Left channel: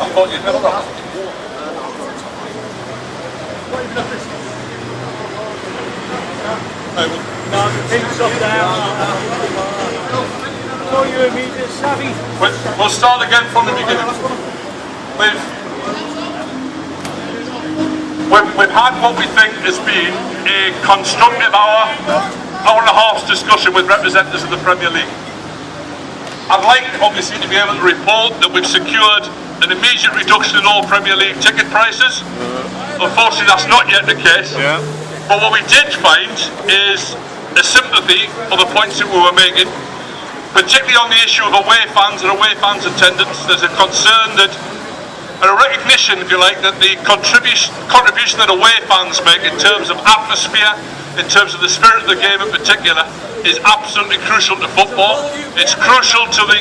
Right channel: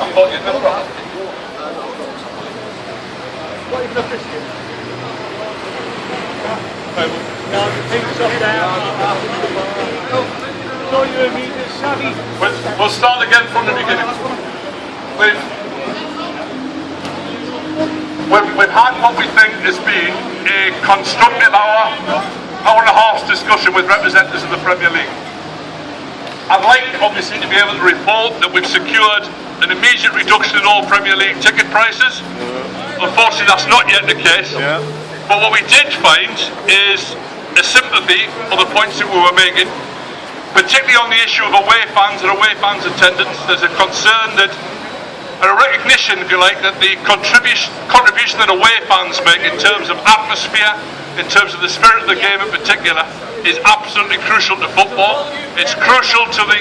I thought you'd never have. Not even a biscuit. No, the pink's up down. You're immediately savvy. We'll start again from the beginning. We've had what we think has been a constructive hour and a half discussion with representatives of the Premier League. I'd like, obviously, to be able to report that we've secured an immediate reduction in all Premier League ticket prices. Unfortunately, that's not yet the case. But what we did find is a sympathy for the points that we were making, particularly on the issue of away fans and away fans' attendance. There's a concern that, and a recognition, if you like, that the contribution that away fans make in terms of atmosphere, in terms of the spirit of the game in particular, is absolutely crucial to football. It's crucial to the...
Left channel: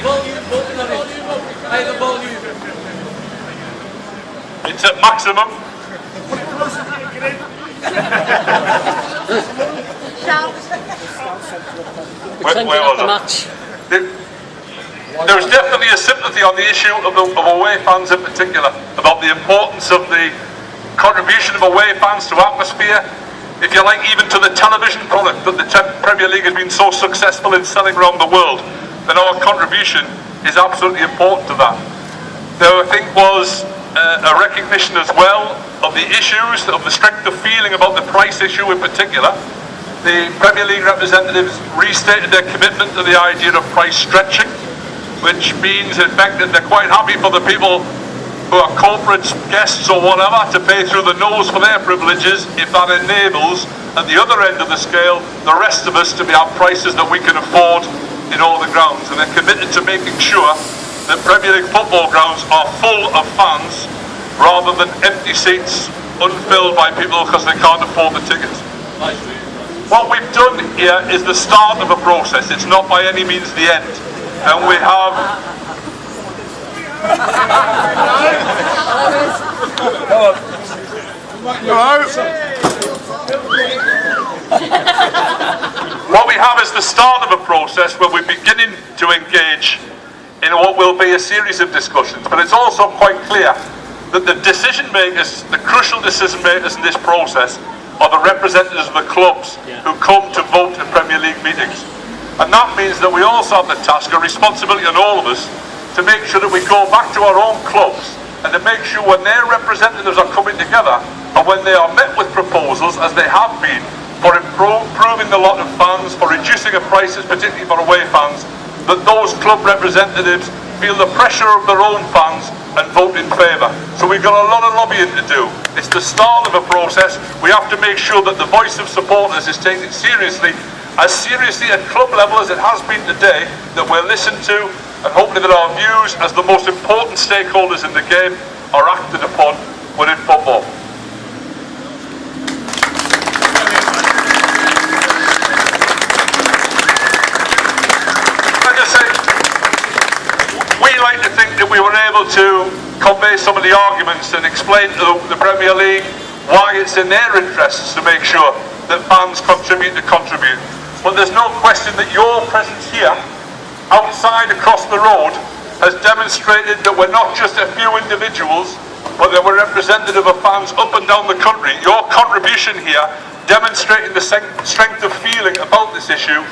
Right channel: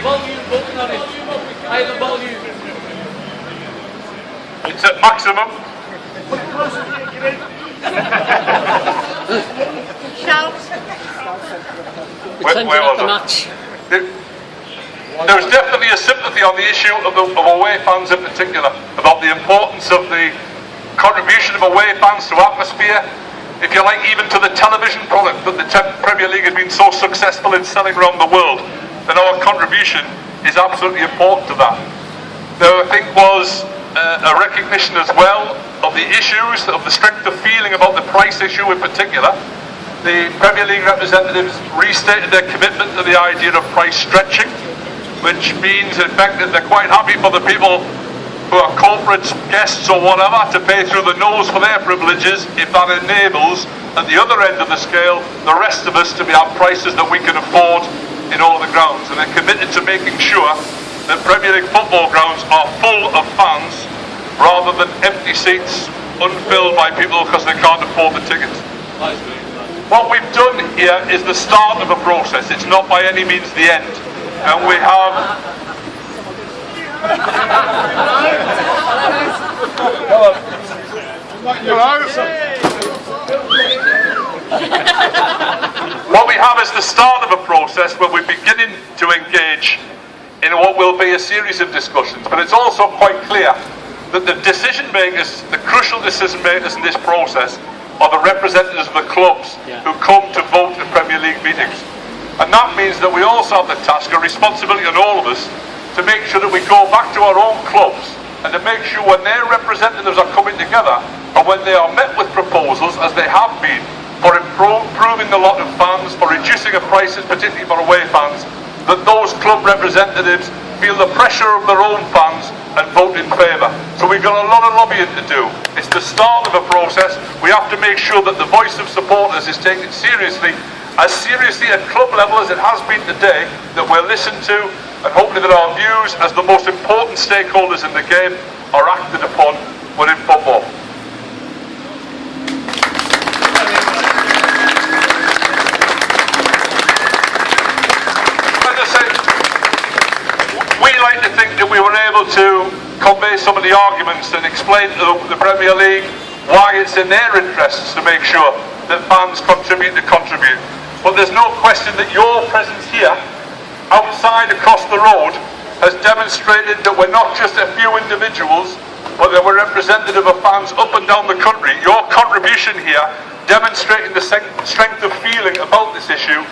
It's at maximum. Where was it? There was definitely a sympathy on the issue of away fans in particular, about the importance of the contribution of away fans to atmosphere, if you like, even to the television product that the Premier League has been so successful in selling around the world. Then our contribution is absolutely important to that. There, I think, was a recognition as well of the issues, of the strength of feeling about the price issue in particular. The Premier League representatives restated their commitment to the idea of price stretching, which means, in fact, that they're quite happy for the people who are corporate guests or whatever to pay through the nose for their privileges if that enables, at the other end of the scale, the rest of us to have prices that we can afford in all the grounds. And they're committed to making sure that Premier League football grounds are full of fans rather than empty seats unfilled by people because they can't afford the tickets. What we've done here is the start of a process. It's not by any means the end. And we have... What we have is the start of a process where we're beginning to engage in what will be a series of discussions. But it's also quite clear that the decision makers, the crucial decision makers in this process, are the representatives of the clubs who come to vote in Premier League meetings. And that means that we also have the task, a responsibility on all of us, to make sure that we go back to our own clubs and to make sure when their representatives are coming together and when they are met with proposals, as they have been, for improving the lot of fans, for reducing the prices, particularly for away fans, that those club representatives feel the pressure of their own fans and vote in favour. So we've got a lot of lobbying to do. It's the start of a process. We have to make sure that the voice of supporters is taken seriously at club level as it has been today, that we're listened to, and hopefully that our views as the most important stakeholders in the game are acted upon within football. Like I say, we like to think that we were able to convey some of the arguments and explain to the Premier League why it's in their interests to make sure that fans contribute. But there's no question that your presence here, outside across the road, has demonstrated that we're not just a few individuals, but that we're representative of fans up and down the country. Your contribution here, demonstrating the strength of feeling about this issue.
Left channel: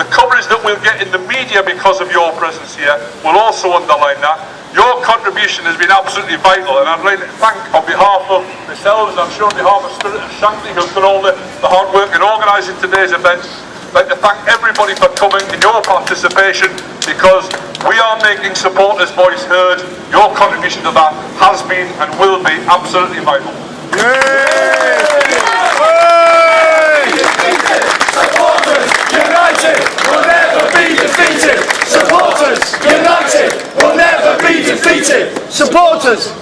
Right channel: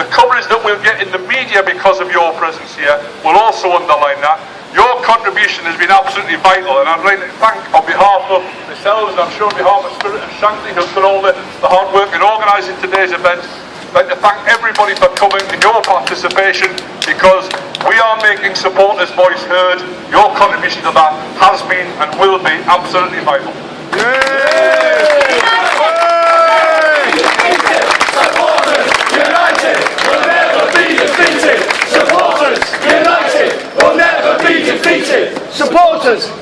The coverage that we'll get in the media because of your presence here will also underline that. Your contribution has been absolutely vital, and I'd like to thank, on behalf of myself, and I'm sure on behalf of Spirit of Shankly, who's done all the hard work in organising today's event, I'd like to thank everybody for coming and your participation, because we are making supporters' voice heard. Your contribution to that has been and will be absolutely vital. Supporters united will never be defeated. Supporters